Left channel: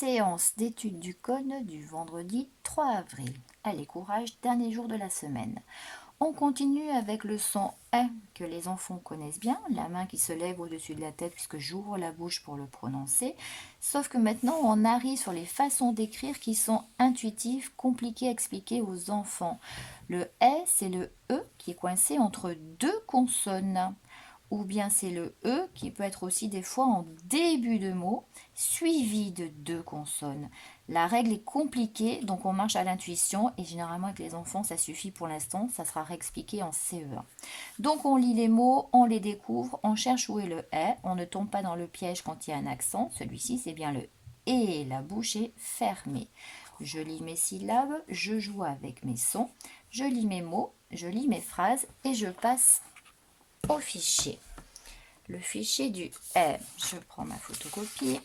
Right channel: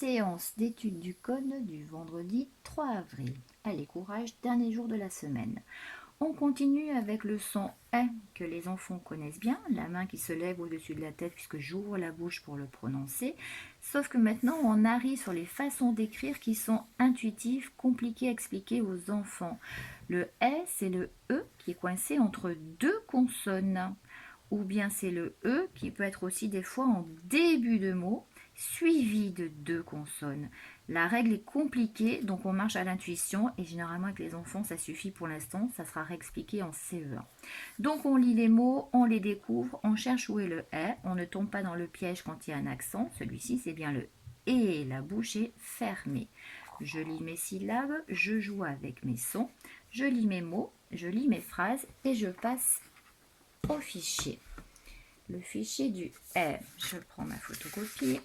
Séance d'étude du code du vendredi 3 avril. Allez, courage, dernier jour de la semaine. On continue avec le son « que les enfants connaissent bien, la main qui se lève au-dessus de la tête puisque j'ouvre la bouche pour le prononcer. Sauf que maintenant, on arrive sur les façons d'écrire qui sont intuitives, compliquées à expliquer aux enfants. Le « c'est le « e » qui est coincé entre deux consonnes. Ou bien c'est le « e » qui peut être aussi des fois en début de mot, suivi de deux consonnes. La règle est compliquée, donc on marche à l'intuition et généralement avec les enfants ça suffit pour l'instant, ça sera réexpliqué en CE1. Donc on lit les mots, on les découvre, on cherche où est le « est », on ne tombe pas dans le piège quand il y a un accent, celui-ci c'est bien le « et », la bouche est fermée. Je lis mes syllabes, je joue avec mes sons, je lis mes mots, je lis mes phrases et je passe au fichier. Le fichier du « est », je prends ma photocopie,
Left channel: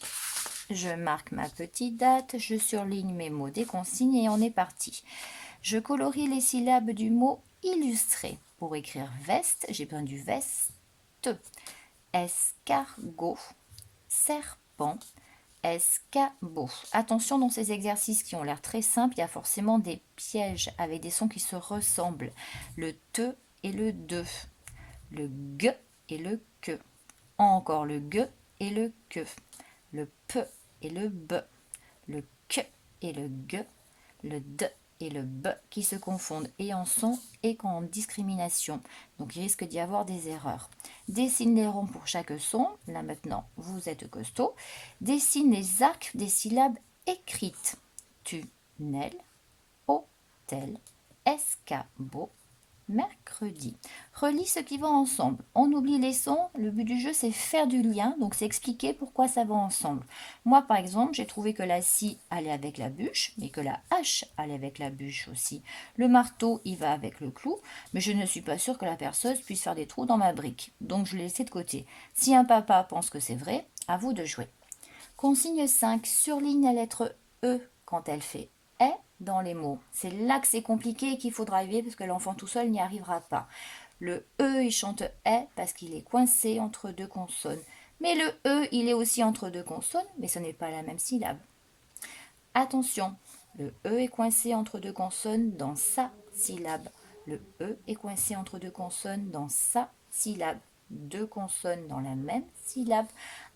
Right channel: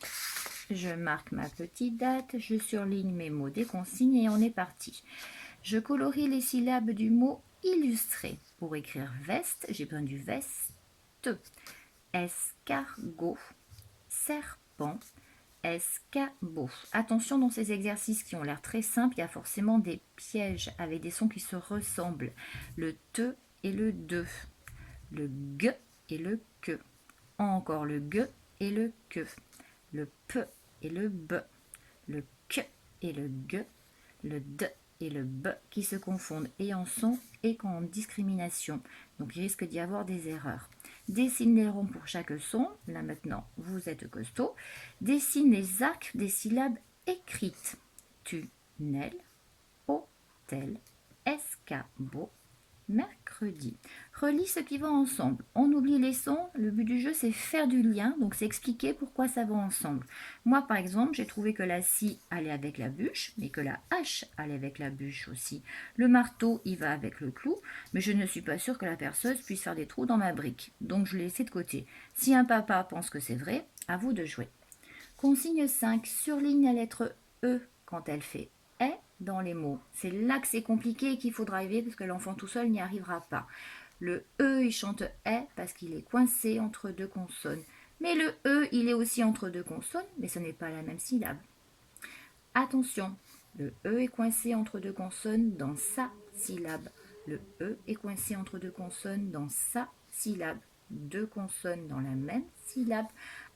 je marque ma petite date, je surligne mes mots des consignes et on est parti. Je colorie les syllabes du mot illustré. Pour écrire veste, j'ai besoin du veste, escargot, serpent, escabeau. Attention, dans ces exercices qui ont l'air très simples, il y a forcément des pièges avec des sons qui se ressemblent. Le te et le de, le g et le que, encore le g et le que, le p et le b, le k et le g, le d et le b qui se confondent et en son et en discrimination. Donc il risque d'y avoir des erreurs. Dessine les ronds pour chaque son. Là maintenant, vous êtes costaud. Dessine les arcs des syllabes écrites. Tunnel, hôtel, escabeau, mercredi. Relis ce qui va ensemble. On oublie les sons. Le but du jeu, c'est faire du lien. Donc, c'est expliquer pourquoi ça va ensemble. Moi, par exemple, j'ai trouvé que la scie allait avec la bûche, mais que la hache allait avec la bûche aussi. Le marteau, il va avec le clou, mais je ne suis pas sûre que la perceuse puisse faire des trous dans ma brique. Donc, je l'ai laissé de côté. Si un papa pense que c'est vrai, à vous de jouer. Consigne 5. Surligne la lettre E quand elle fait est dans les mots. C'est là que c'est compliqué et qu'il faudra éviter parce que l'enfant tout seul n'y arrivera pas. Le E, il chante est parce qu'il est coincé entre deux consonnes. Mais le E, il est aussi entre deux consonnes, mais ce n'est pas la même syllabe. Attention, le E est coincé entre deux consonnes dans sa syllabe. Le E est coincé entre deux consonnes dans sa syllabe. Deux consonnes dans la même syllabe.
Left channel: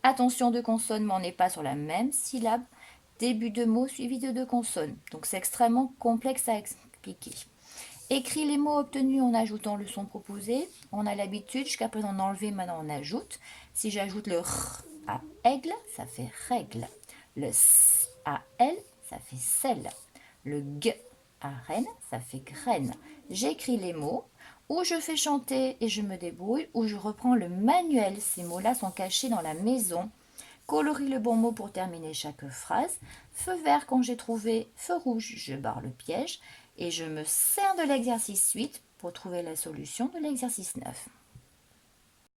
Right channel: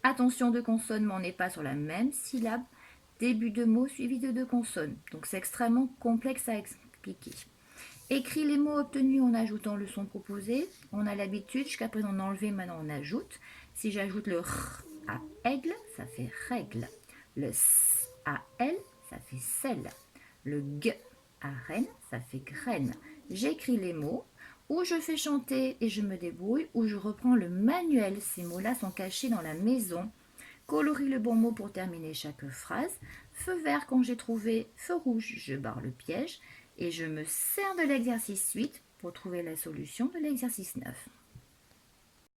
Attention, deux consonnes, mais on n'est pas sur la même syllabe. Début de mot suivi de deux consonnes. Donc c'est extrêmement complexe à expliquer. Écris les mots obtenus en ajoutant le son proposé. On a l'habitude, jusqu'à présent on enlevait, maintenant on ajoute. Si j'ajoute le R à aigle, ça fait règle. Le S à L, ça fait sel. Le G à reine, ça fait graine. J'écris les mots, ou je fais chanter et je me débrouille, ou je reprends le manuel. Ces mots-là sont cachés dans la maison. Colorie le bon mot pour terminer chaque phrase. Feu vert quand j'ai trouvé, feu rouge, je barre le piège. Et je me sers de l'exercice 8 pour trouver la solution de l'exercice 9.